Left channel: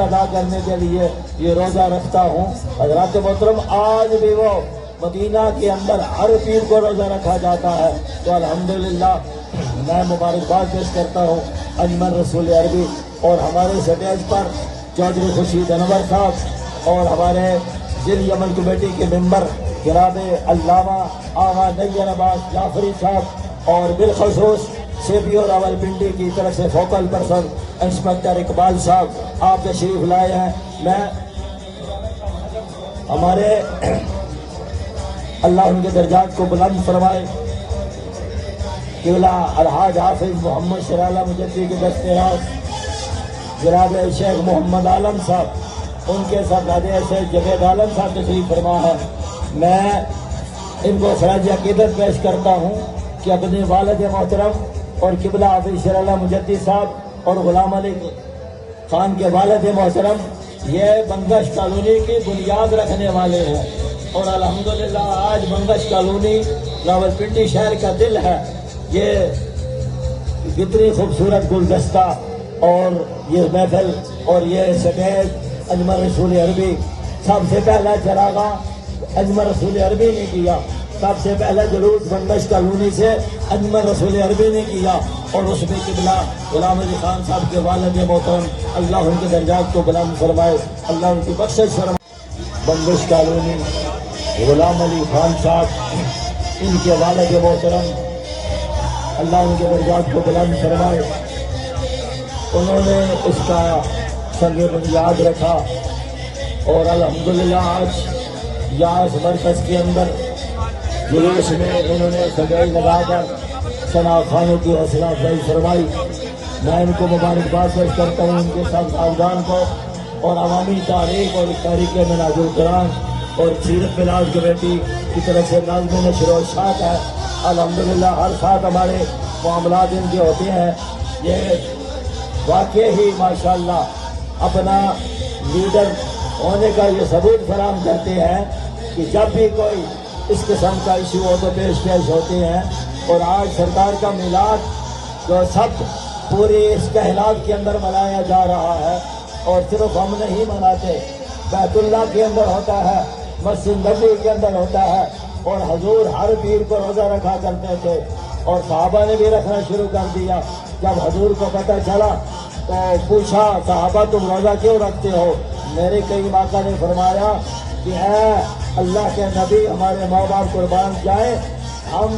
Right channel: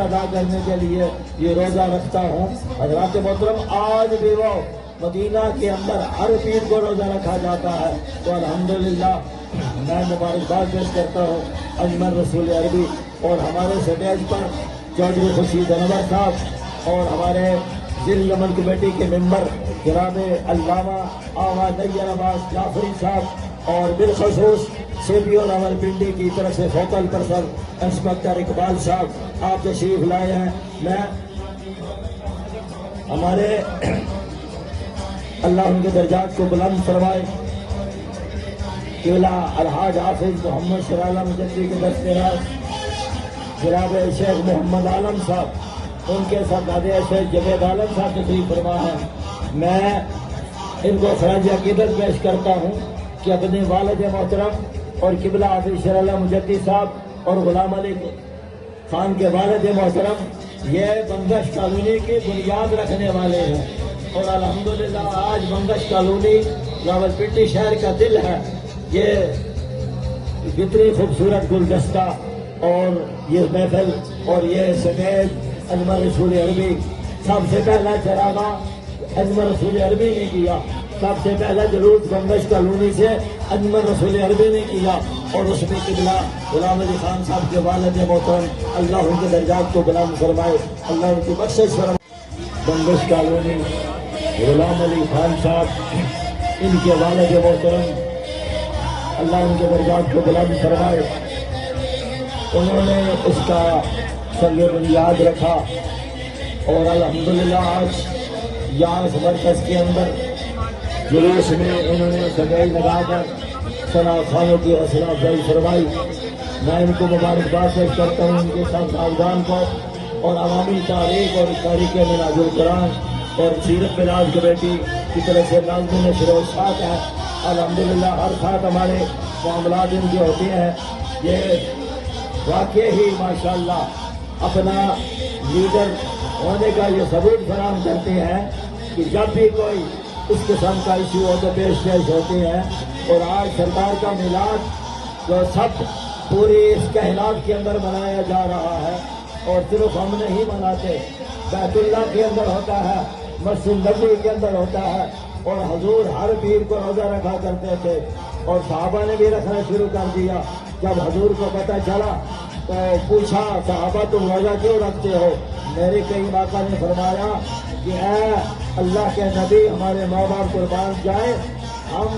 ادا کرنے کے لیے یہ روزہ رکھتا ہوں۔ حضرات محترم، آج بھی وہ مدینہ کے اندر ہر پیر کو روزہ رکھا جاتا ہے، تو الحمدللہ میں مبارکباد پیش کرتا ہوں اجمل رسول عربی اور ہمارے سٹیج پر چودھری خورشید انور صاحب اور ہمارے ضلعی عمل کمیٹی کے ممبر جناب علامہ آغا نیر عباس جعفری صاحب اور بالخصوص سی پی او راولپنڈی کی طرف سے فوکل پرسن انسپکٹر اقبال صاحب آپ تشریف لائے ہیں۔ میں ہمارے اللہ ان کے درجات کو بلند فرمائے قبلہ الحاج حافظ محمد سرالہ مجدی کے دستیاب جناب شیخ محمد عالم صاحب، ان کے ساتھ شیخ جوید عالم صاحب تشریف فرما ہے۔ میں ان کو خراج عقیدت پیش کرتا ہوں کہ اپنے والد محترم اور قبلہ حافظ سرالہ مجدی صاحب اور غلام علی خان کے والد محترم یہ بنگش کالونی کی بنیاد رکھنے والے ہیں، اور الحمدللہ آج بنگش کالونی راولپنڈی شہر کا دل ہے۔ یہ کتنی خوبصورت گلدستہ اور یہ محفل اور یہ سٹیج اجمل رسول عربی سب سے پہلا چراغا اجمل رسول عربی نے کیا، سب سے پہلا جلوس بنگش کالونی سے اجمل رسول عربی نے کیا، اور اس میں قبلہ غلام علی خان صاحب کے والد محترم اللہ ان کے درجات کو بلند فرمائے، اللہ ان کی بخشش فرمائے۔ بنگش کالونی غلام علی خان صاحب ان کے والد محترم اللہ ان کے درجات کو بلند فرمائے، انہوں نے اس کا سنگ بنیاد رکھا، اور الحمدللہ آج یہاں اس مرکز کے اندر جلوس میں انہوں نے سجائی لگا کر ثنا خانوں کی حوصلہ افزائی فرمائی۔ میں ان کو مبارکباد پیش کرتا ہوں، ان کے ساتھ صاحبان کو اور عوامی تاریخ اور تاریخ مناظر قرآن اور سیرت ملاز کمیٹی کی طرف سے لازمی نشر و اشاعت ہے۔ الحمدللہ ہر ساتھ ہمارے معاملات ان کے ہوتے ہیں۔ یہ واقع ہی ماشاءاللہ اپنا لیڈر ہونے کا یہ ثبوت فراہم کرتے ہیں کہ جب بھی کوئی اس قسم کا ایشو ہو تو پیش ہوتے ہیں، اور آج سرکار کا میلاد جو سب پوری اس کائنات کے اندر منایا جا رہا ہے، اور صرف ہم نہیں مناتے، بیت اللہ کے اندر ہوتا ہے، مسجد نبی کے اندر ہوتا ہے، اور حضور ہر پیر کو روزہ رکھا کرتے تھے، اور صحابہ نے بھی رکھنا شروع کر دیا۔ جب حضور کو پتہ چلا تو پوچھا صحابہ تم روزہ کیوں رکھتے ہو؟ میرے کئی آقا نے فرمایا کہ اے اللہ کے نبی ہمارے ماں باپ قربان جائیں، ہم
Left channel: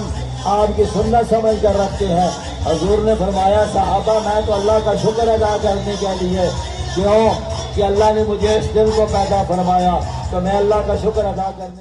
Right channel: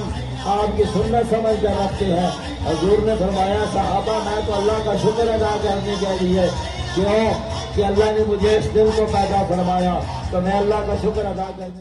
آپ کی سنت سمجھ کر رکھتے ہیں۔ حضور نے فرمایا صحابہ میں تو اللہ کا شکر ادا کرنے کے لیے، کیوں کہ اللہ نے مجھے اس دن کو پیدا فرمایا، تو میں اللہ کا شکر ادا کرنے